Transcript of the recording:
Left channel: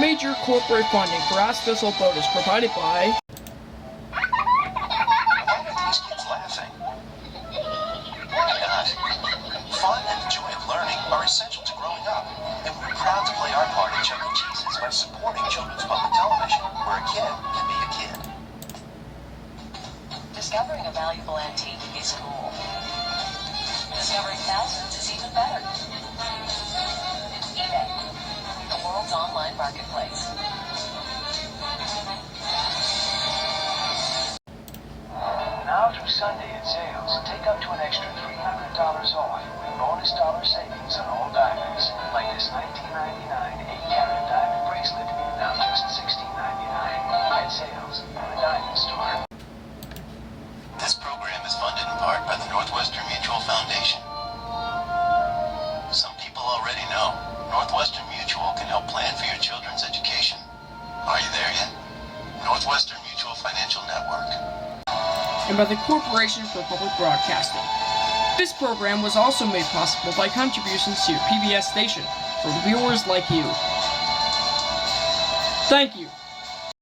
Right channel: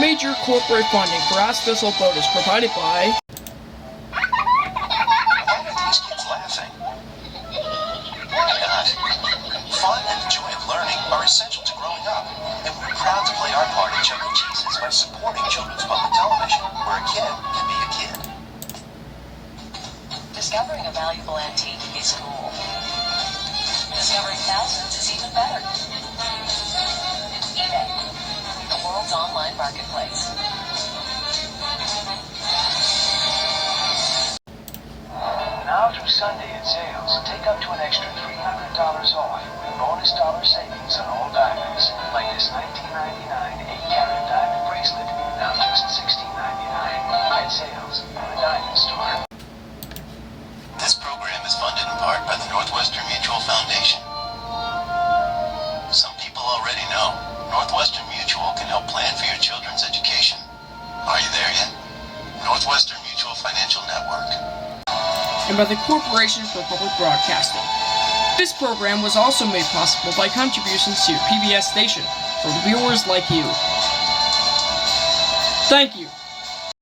Major corporate funding for Ask This Old Boat is provided by... Fun and the joy of learning are essential to growing up, and we're proud to play our part in Chuck E. Cheese's by supporting children's public television, where a kid can be a kid. Discovering a valuable antique is cool. Discovering thousands is even better. eBay, the world's online marketplace. Now through Sunday at sales, take up to an extra $300 off with bonus dollar savings on all diamonds, like this 1999 8-carat diamond bracelet, now just $16.99 at sales from the Diamond Store. This program is funded in part by the Northwestern Mutual Foundation. Some people already know Northwestern Mutual can help plan for your children's education. Are you there yet? Northwestern Mutual Financial Network. And by the Corporation for Public Broadcasting. This program was also made possible by contributions to your PBS station from viewers like you. Thank you.